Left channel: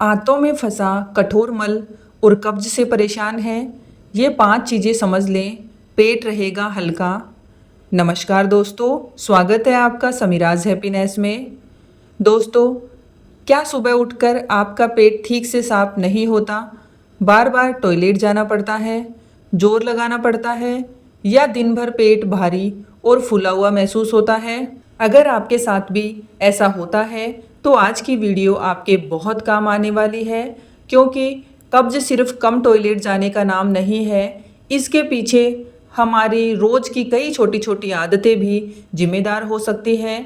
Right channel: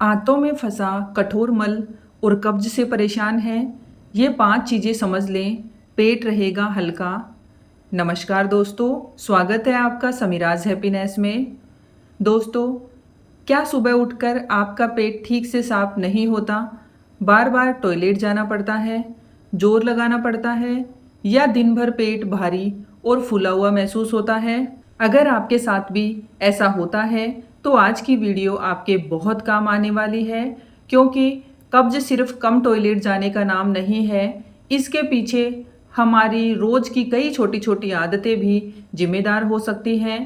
आंतों में फंसा कठोर मल और कब्ज से परेशान हैं? ये 5 चीज़ें समझ लें, पेट रहेगा हल्का। नमस्कार दोस्तों, स्वागत है आपका समीराज हैप्पीनेस में। दोस्तों, क्या सुबह उठकर आपका पेट ठीक से साफ नहीं होता? बार बार टॉयलेट जाना पड़ता है, जोर लगाना पड़ता है, या दिन भर पेट भारी और फूला हुआ महसूस होता है? अगर आपके साथ भी ऐसा होता है तो आज की वीडियो आपके बहुत काम आने वाली है, क्योंकि कब्ज सिर्फ कम टॉयलेट जाने का नाम नहीं है। इसके पीछे हमारी रोज की कई छोटी छोटी आदतें भी जिम्मेदार हो सकती हैं।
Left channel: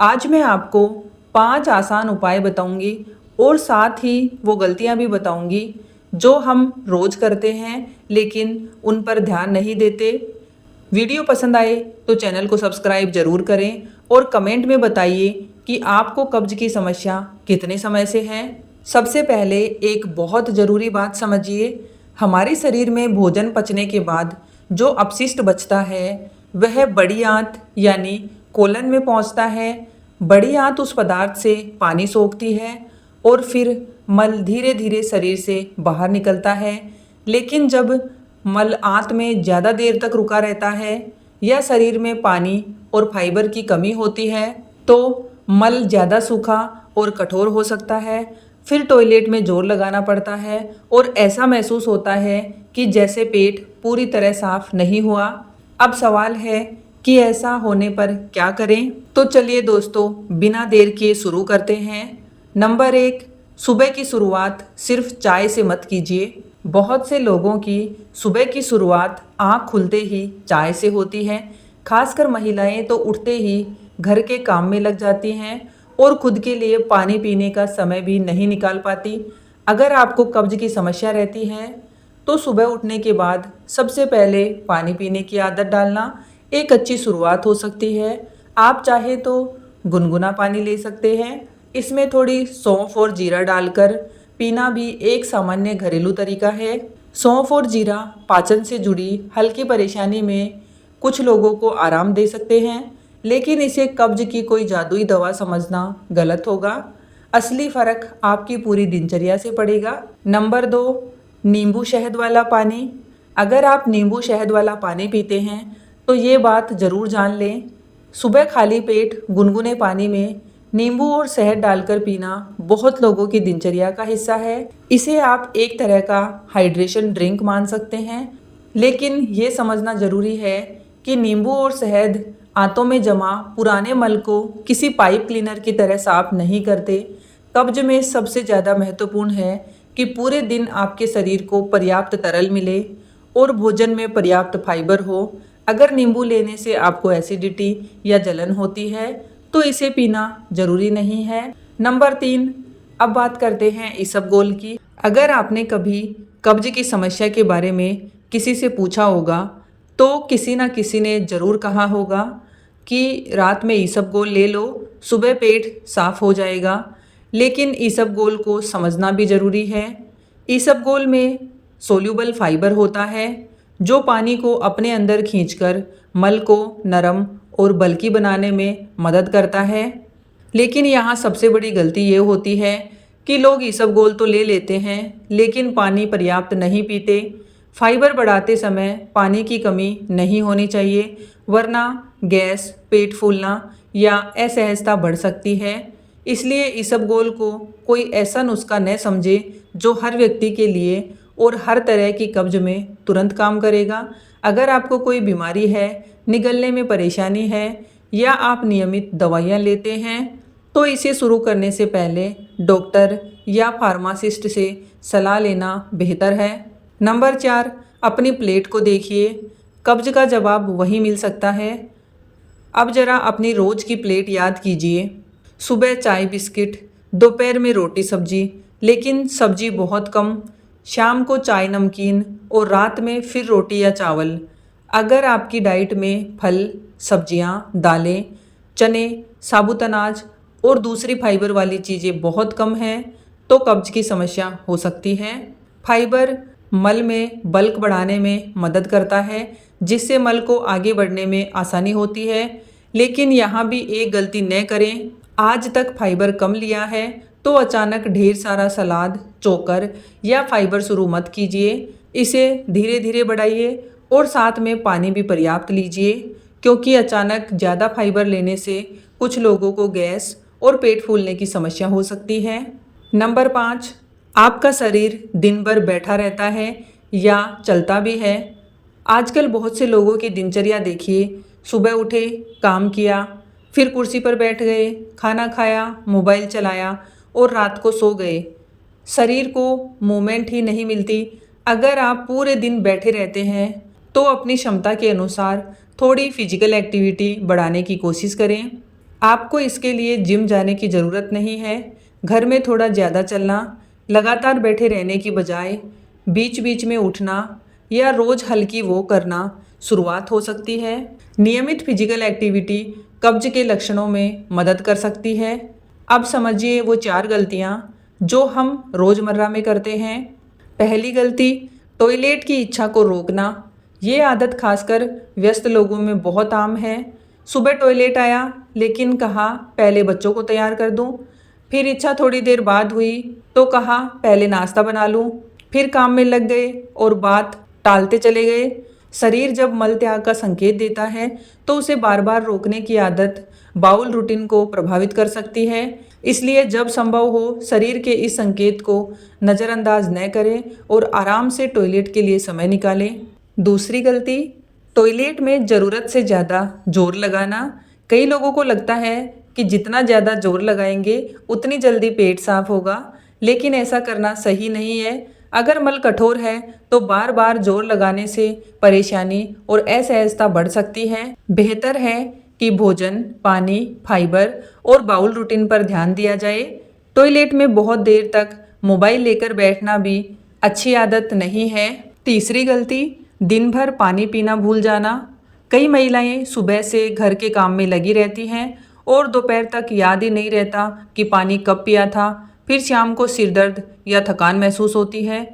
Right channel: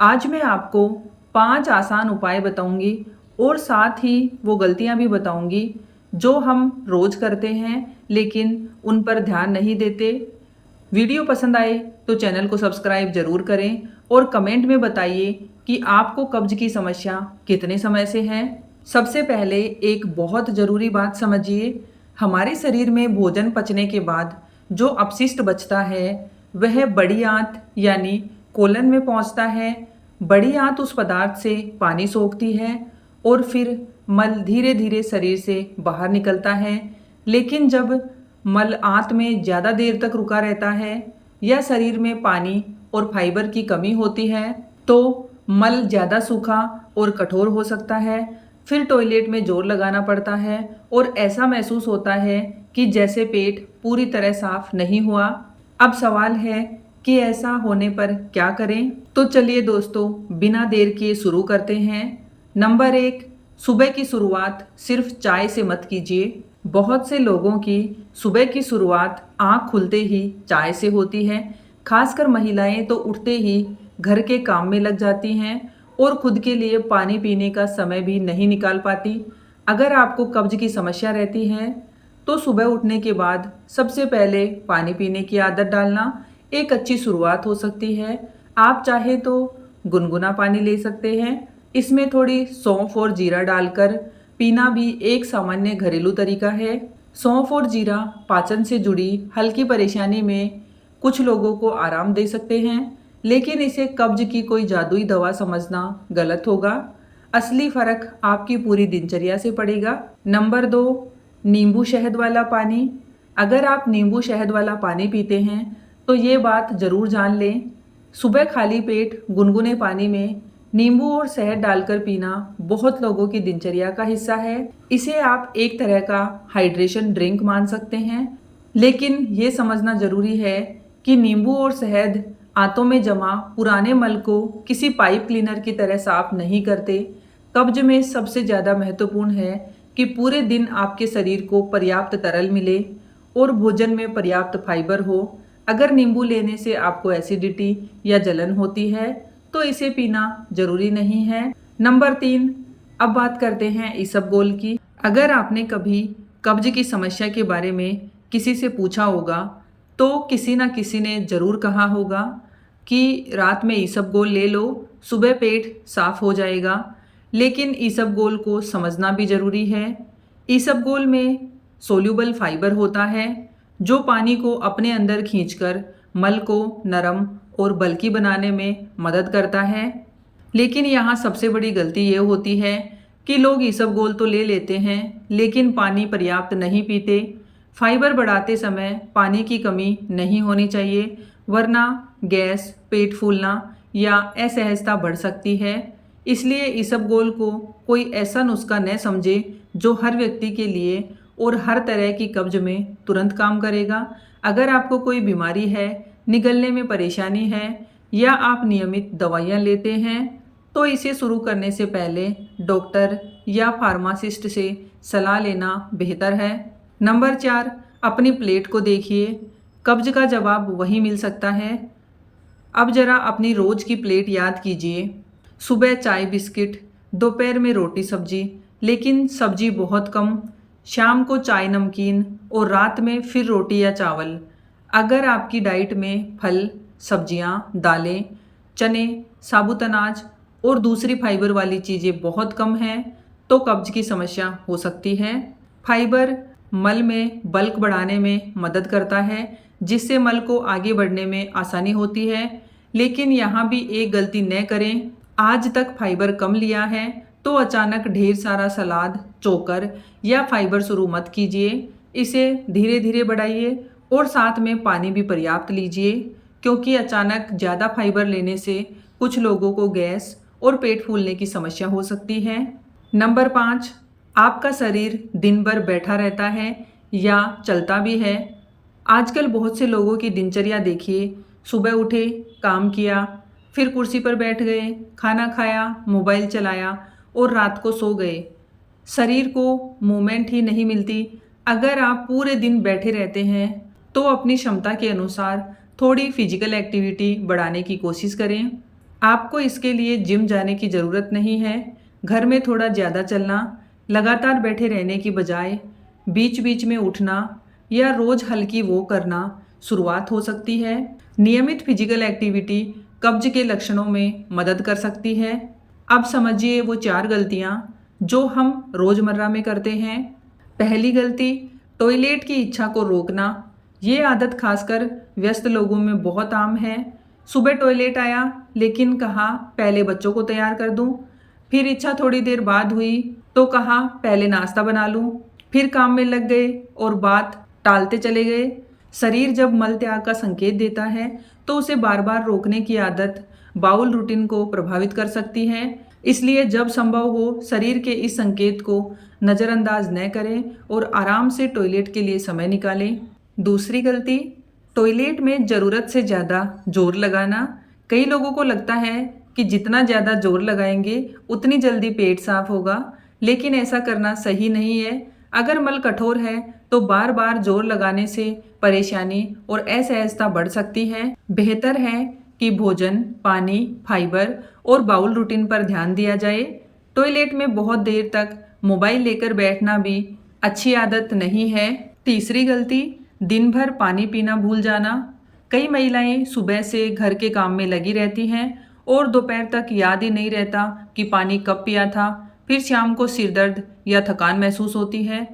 आज मैं आपको 5 आसान उपाय बताऊंगी और साथ ही वो गलतियां भी बताऊंगी जो हम रोज करते हैं लेकिन उन पर ध्यान नहीं देते। वीडियो पसंद आए तो चैनल को सब्सक्राइब जरूर करें और कमेंट में बताइए कि आपको कब्ज की समस्या कितने समय से है। सबसे पहले एक बहुत ज़रूरी बात समझिए, हमारे शरीर में भोजन पचने के बाद जो अपशिष्ट बचता है वह बड़ी आंत यानी कोलन में पहुंचता है। बड़ी आंत उस पदार्थ से पानी सोखती है और फिर मल धीरे धीरे शरीर से बाहर निकलता है। लेकिन जब मल आंत में ज़्यादा देर तक रुका रहता है या शरीर में पानी और फाइबर की कमी होती है तो मल ज़्यादा सूखा और कठोर हो सकता है। फिर टॉयलेट में जोर लगाना पड़ता है और ऐसा महसूस होता है कि जैसे पेट पूरी तरह साफ नहीं हुआ। अब सवाल है कि ऐसा होने पर क्या करें? तो चलिए दोस्तों, बिना देर किए शुरू करते हैं। नंबर 1, सुबह की शुरुआत सिर्फ चाय से मत कीजिए। बहुत से लोगों की सुबह की शुरुआत आँख खुलते ही चाय से होती है। खासकर महिलाएं तो उठते ही घर के काम में लग जाती हैं और खुद के लिए पानी पीने का समय भी नहीं निकाल पाती। अगर आपको कब्ज की समस्या रहती है तो सुबह उठने के बाद सबसे पहले पानी पीने की आदत डालना एक अच्छी शुरुआत हो सकती है। आप चाहे तो गुनगुना पानी ले सकते हैं, इसमें थोड़ी सौंफ और जीरा डालकर पीना भी एक सामान्य घरेलू तरीका है। सौंफ और जीरा पाचन से जुड़ी हल्की परेशानी में कुछ लोगों को आराम दे सकते हैं, लेकिन इसे कब्ज की कोई जादुई दवा समझना गलत होगा। असली फर्क आपकी पूरी दिनचर्या से पड़ेगा। नंबर 2, नींबू शहद वाला पानी। अगर आप नींबू शहद वाला पानी पीते हैं तो ये बात ज़रूर जान लें, सुबह खाली पेट गुनगुने पानी में नींबू और शहद डालकर पीना बहुत लोगों की दिनचर्या का हिस्सा है। इसे आप एक तरह का हाइड्रेशन ड्रिंक मान सकते हैं, लेकिन ये समझना ज़रूरी है कि नींबू और शहद आंतों में जमा पुराने मल को किसी पाइप क्लीनर की तरह साफ नहीं करते। कब्ज में सबसे ज़्यादा महत्वपूर्ण है कि पूरे दिन आपके शरीर को पर्याप्त तरल मिले और भोजन में पर्याप्त फाइबर हो। अगर नींबू लेने से आपको एसिडिटी या जलन होती है तो इसे पीना जरूरी नहीं है। नंबर 3, अब बात करते हैं इसबगोल की। अगर आपने कभी कब्ज की समस्या के बारे में किसी से पूछा होगा तो किसी ना किसी ने ज़रूर कहा होगा कि रात में इसबगोल ले लो, सुबह पेट साफ हो जाएगा। लेकिन इसबगोल को समझना भी ज़रूरी है। इसबगोल में सोल्यूबल फाइबर होता है जो पानी को अपने अंदर खींचकर मल को नरम और बल्कि बनाने में मदद करता है। लेकिन यहाँ सबसे बड़ी गलती ये होती है कि लोग इसबगोल तो ले लेते हैं लेकिन पानी पर्याप्त नहीं पीते। फाइबर बढ़ाते समय पानी की कमी नहीं होनी चाहिए, वरना गैस, पेट फूलना या असहजता बढ़ सकती है। इसलिए इसबगोल को कोई ऐसा नुस्खा न समझे जो हर व्यक्ति के लिए और हर तरह की कब्ज में तुरंत काम करेगा। अगर आपको कोई बीमारी है, निगलने में परेशानी है या आप नियमित दवाइयाँ लेते हैं तो इसे शुरू करने से पहले डॉक्टर या फार्मासिस्ट से सलाह लेना बेहतर है। नंबर 4, अपनी प्लेट को देखिए, कब्ज का जवाब वही मिल सकता है। अब जरा अपनी रोज़ की प्लेट याद कीजिए। सुबह चाय बिस्किट, दोपहर में रोटी सब्जी लेकिन सब्जी बहुत कम, शाम को चाय नमकीन और रात में फिर रोटी या चावल। अगर आपकी डाइट में फल, सब्जियां, दालें, चने, साबुत अनाज और दूसरी फाइबर वाली चीज़ें बहुत कम हैं तो कब्ज की समस्या हो सकती है। फाइबर मल में बल्क बढ़ाने में मदद करता है जिससे मल को आगे बढ़ने में आसानी होती है। लेकिन यहाँ भी एक गलती न करें, आज तक फाइबर कम लिया है तो अचानक ढेर सारा सलाद, चोकर या फाइबर शुरू मत कीजिए। इसे धीरे धीरे बढ़ाइए और साथ में पानी भी पर्याप्त लीजिए, क्योंकि अचानक ज़्यादा फाइबर लेने से कुछ लोगों को गैस और पेट फूलने की समस्या हो सकती है। नंबर 5, आपका शरीर दिन भर बैठा रहता है या चलता भी है। आजकल बहुत से लोगों की दिनचर्या देखिए, सुबह उठे, काम किया, फिर कुर्सी पर बैठ गए, खाना खाया, मोबाइल चलाया और रात को सो गए। शरीर को मूवमेंट ही नहीं मिलती। अगर आप पूरे दिन बैठे रहते हैं तो अपनी क्षमता के अनुसार थोड़ी फिजिकल एक्टिविटी बढ़ाने की कोशिश करें। आपको इसके लिए जिम जाने की ज़रूरत नहीं है। घर में थोड़ा ज़्यादा चलना, लगातार बैठे रहने की बजाय बीच बीच में उठना या रोज़ हल्की वॉक करना शुरुआत हो सकती है। नियमित फिजिकल एक्टिविटी कब्ज के लक्षणों में मदद कर सकती है। अब समझिए वो 4 गलतियाँ जो हम रोज़मर्रा में करते हैं। पहली गलती, टॉयलेट की इच्छा को रोकना। ये आदत खासकर व्यस्त लोगों में बहुत आम है। सुबह टॉयलेट आया लेकिन कहा पहले बच्चों को तैयार कर दूं, फिर इच्छा थोड़ी देर बाद हुई तो कहा पहले नाश्ता बना लूं, फिर काम में लग गए और बात टालते चले गए। शरीर जब मल त्याग का संकेत देता है तो उसे बार बार रोकने की आदत बाउल रूटीन को प्रभावित कर सकती है। इसलिए जब संभव हो शरीर के इस संकेत को नज़रअंदाज न करें और आराम से टॉयलेट के लिए समय निकालें। दूसरी गलती, टॉयलेट में ज़रूरत से ज़्यादा जोर लगाना। कई लोगों को लगता है कि जितना ज़्यादा जोर लगाएंगे उतनी जल्दी पेट साफ होगा, लेकिन ऐसा करना सही नहीं है। अगर मल कठोर है तो बार बार जोर लगाने से परेशानी और असहजता बढ़ सकती है। बेहतर है कि भोजन, पानी, फाइबर और बाउल रूटीन पर ध्यान दिया जाए। टॉयलेट में बहुत देर तक मोबाइल लेकर बैठना भी अच्छी आदत नहीं है। तीसरी गलती, दिन भर पानी पीना भूल जाना। कई महिलाएं सुबह से घर के काम में लगी रहती हैं और दोपहर तक याद ही नहीं रहता कि पानी कब पिया था। फिर शाम को सिर दर्द या थकान महसूस होती है।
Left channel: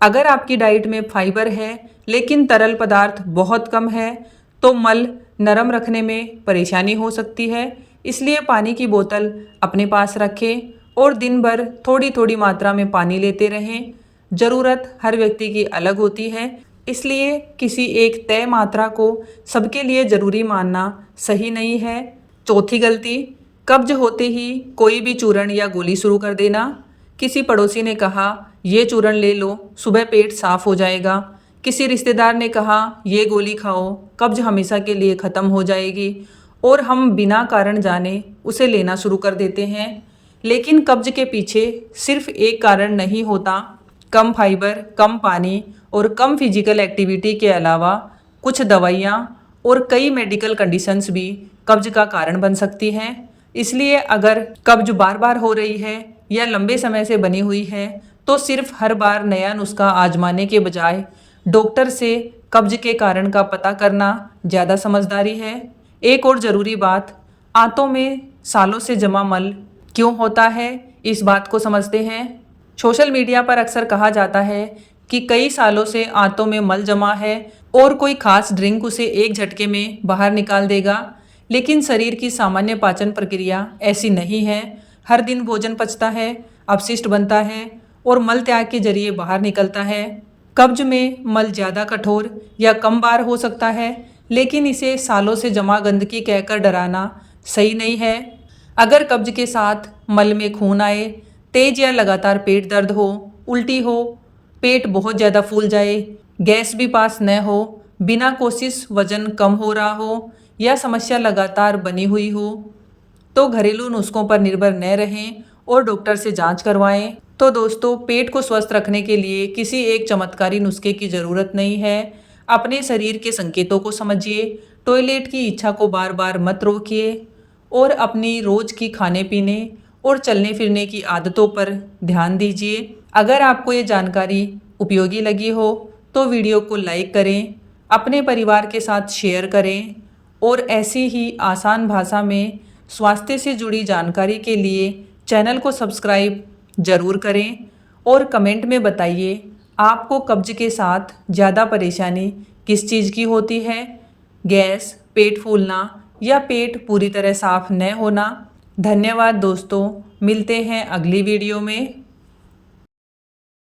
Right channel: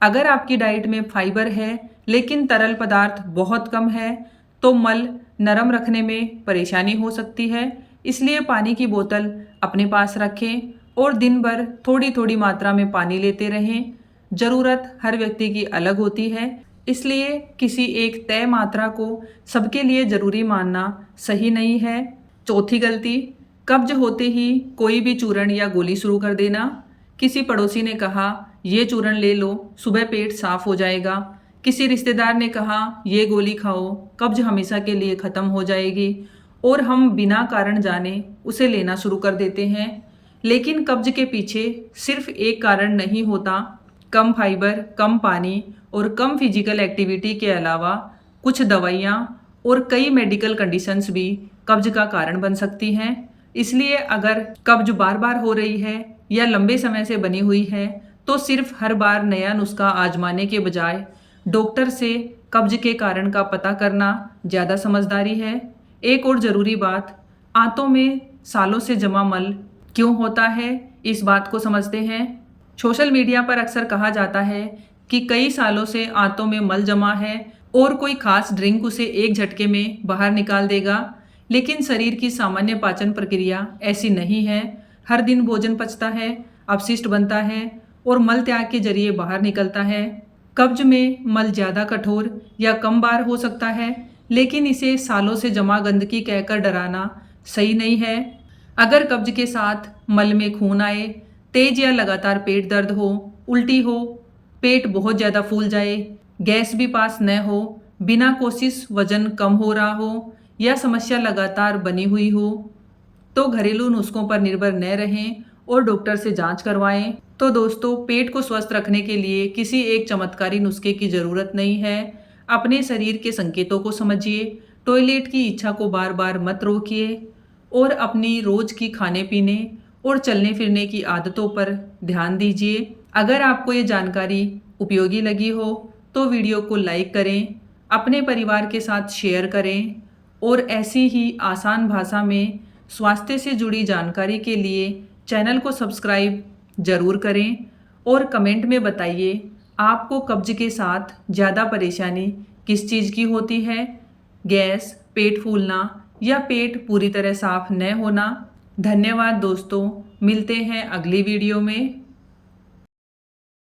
अगर आपकी डाइट में फाइबर है लेकिन तरल पदार्थ बहुत कम है तो मल नरम रखने में परेशानी हो सकती है। इसलिए पानी की बोतल अपने पास रखें और दिन भर थोड़ी थोड़ी मात्रा में पानी लेते रहें। ज़रूरत हर व्यक्ति की अलग होती है, इसलिए किसी एक तय मात्रा को सबके लिए ज़रूरी मानना सही नहीं है। चौथी गलती, कब्ज होते ही कोई भी चूर्ण या गोली शुरू कर देना। किसी पड़ोसी ने कहा ये चूर्ण ले लो, सुबह पेट साफ हो जाएगा। किसी रिश्तेदार ने कहा ये गोली खाओ, कब्ज हमेशा के लिए ख़त्म हो जाएगी, और हम बिना कारण जाने उसे लेना शुरू कर देते हैं। लेकिन कब्ज के पीछे सिर्फ एक कारण नहीं होता। कम फाइबर, कम पानी और कम फिजिकल एक्टिविटी के अलावा कुछ दवाइयाँ और कई मेडिकल कंडीशंस भी कब्ज का कारण बन सकती हैं। इसलिए अगर कब्ज बार बार हो रही है या लंबे समय से बनी हुई है तो सिर्फ हर बार नया नुस्खा आजमाने के बजाय डॉक्टर से कब्ज के कारण का पता करना ज़्यादा समझदारी है। एक और ज़रूरी बात, आंतों में सालों से जमा मल क्यों होता है, इस बात को समझते हैं। सोशल मीडिया पर अक्सर कहा जाता है कि कई सालों से आंतों में मल जमा है और कोई खास ड्रिंक उसे एक झटके में बाहर निकाल देगा, लेकिन शरीर की सामान्य पाचन प्रक्रिया ऐसी नहीं है। हर दिन भोजन पचता है, अपशिष्ट बनता है और मल त्याग के जरिए बाहर निकलता है। कब्ज में मल ज़्यादा कठोर या कम बार हो सकता है, लेकिन इसे सालों से जमा गंदगी कहकर डराना सही नहीं है। अगर कब्ज के साथ मल में खून आए, तेज या लगातार पेट दर्द हो, उल्टी हो, पेट बहुत ज़्यादा फूल जाए, गैस भी पास न हो, बिना कोशिश वजन कम हो रहा हो या समस्या लगातार बनी हुई हो, तो घरेलू नुस्खों पर निर्भर न रहें और डॉक्टर से जांच करवाएं। तो दोस्तों, पेट को स्वस्थ रखने के लिए किसी एक चमत्कारी नुस्खे की ज़रूरत नहीं है। अपने शरीर के संकेतों को समझिए, टॉयलेट की इच्छा को बार बार मत रोकिए और अपनी रोज़ की खाने पीने और चलने फिरने की आदतों पर ध्यान दीजिए। अगर आपको ये जानकारी उपयोगी लगी हो तो वीडियो को लाइक करें, अपने परिवार के साथ शेयर करें और ऐसी ही आसान भाषा में स्वास्थ्य से जुड़ी जानकारी के लिए चैनल को सब्सक्राइब ज़रूर करें और कमेंट में बताइए आपको कब्ज के साथ ज़्यादा परेशानी किस चीज़ की होती है, गैस, पेट फूलना या पेट पूरी तरह साफ न होना। धन्यवाद दोस्तों। मिलते हैं अगली वीडियो में।